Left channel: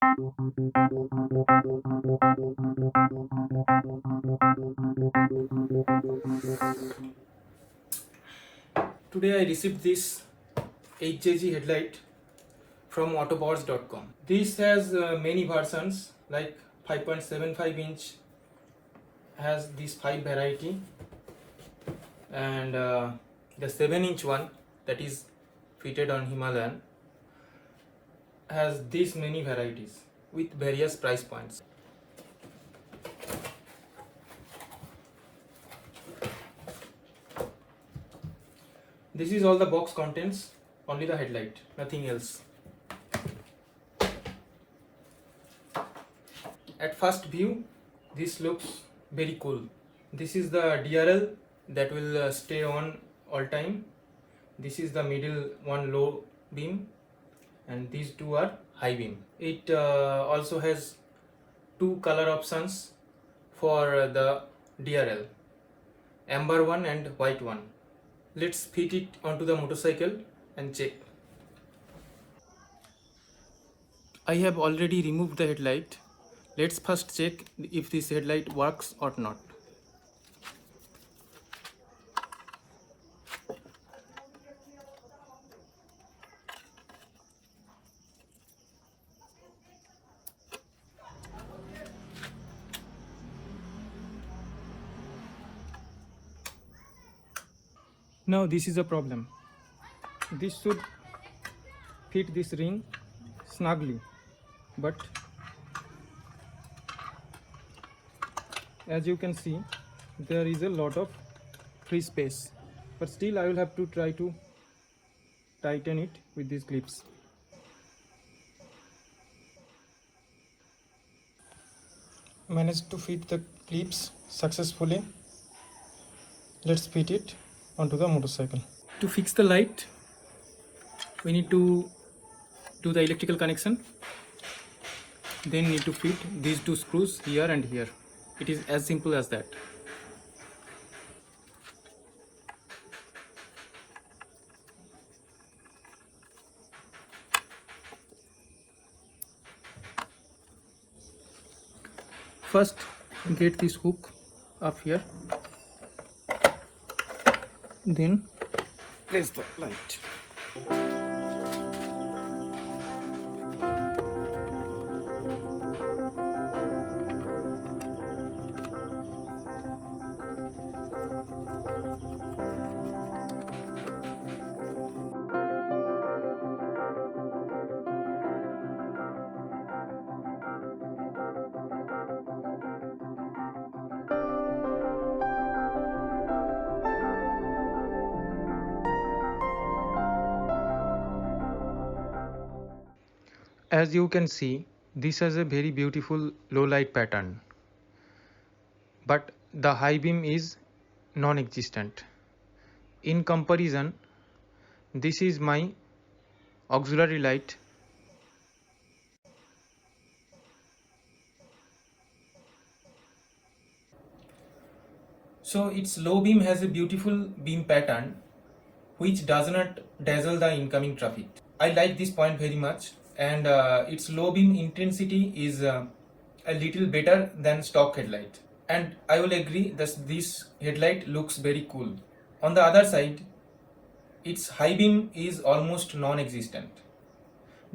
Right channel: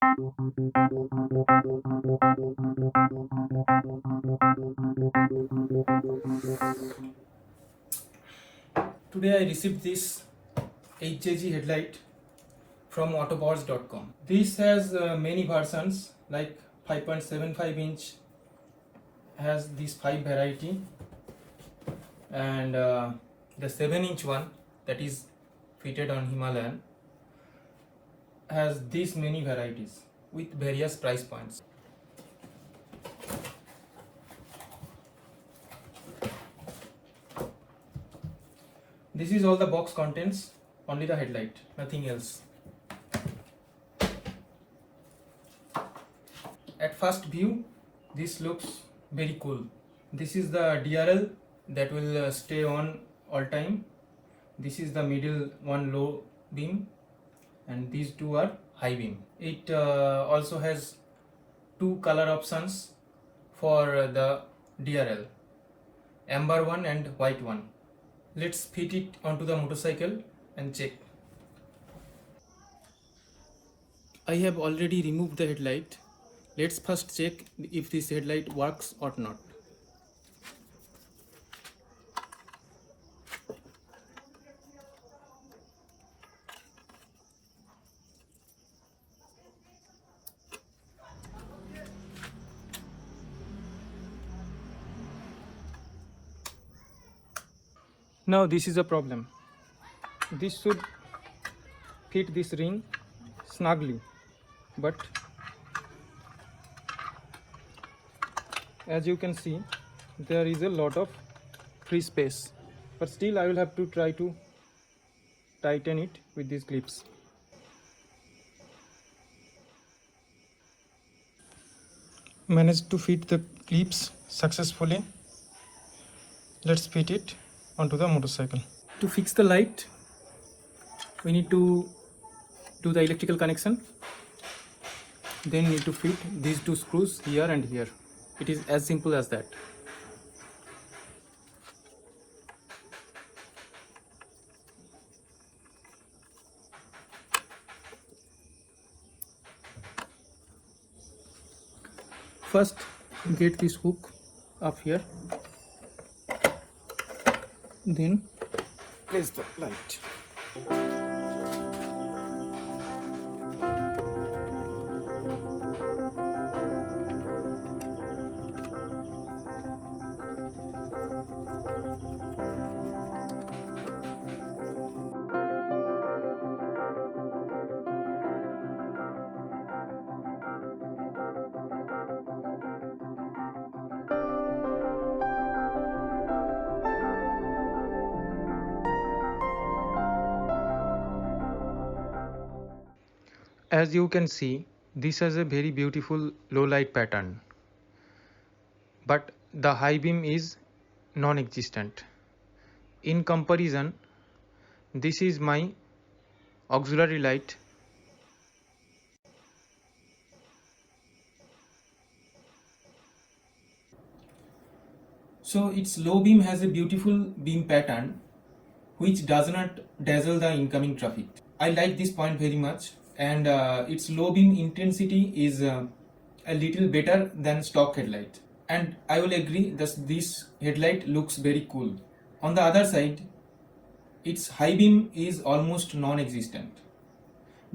Today I received this HJG headlight from autoparts.com. This has many versions, like 5.75 inch has these 5 variety, and the 7-inch one that is fitted on Himalayan has these many varieties with various price points. This is all the box contents, only the headlight, nothing else. At first view, this looks very cool. This is the DRL that will stay on all time. This is the middle one, low beam, and these two are high beam. It also has two color options for the DRL, amber one and white one. Let's fit it onto the motorcycle and check. I have already removed the headlight. Let's first check if this headlight works or not. Now this is a problem. This should fit this ring snugly, but as you can see, there is a lot of free space, but still I will have to try to tighten it with these clips. Managed to fit the clips successfully. Let's fit it onto the motorcycle. To fix the light, we need to do the electrical connection. Then need to fit these two screws here and here. It is as simple as that. First, get this hook up here. Then place the light. As you can see, this has a very beautiful low light pattern, but the high beam is non-existent. In comparison, this is my auxiliary light. So its low beam has a beautiful beam pattern which does not dazzle the incoming traffic. I like this point very much, and its low beam intensity is a little better than stock headlight, and I will agree that this headlight looks very cool. On the other side, its high beam is almost non-existent,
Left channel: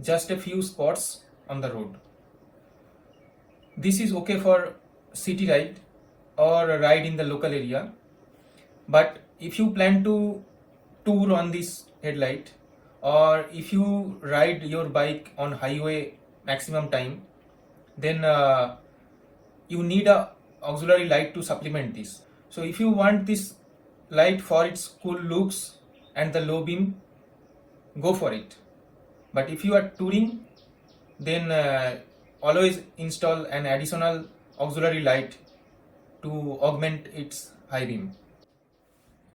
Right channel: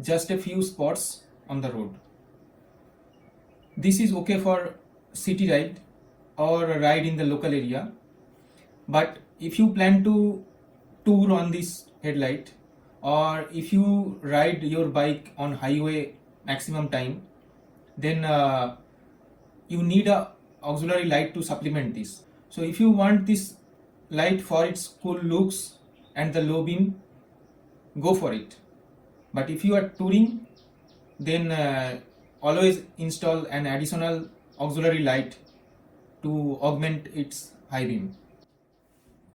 just a few spots on the road. This is okay for city ride or a ride in the local area, but if you plan to tour on this headlight, or if you ride your bike on highway maximum time, then you need a auxiliary light to supplement this. So if you want this light for its cool looks and the low beam, go for it. But if you are touring, then always install an additional auxiliary light to augment its high beam.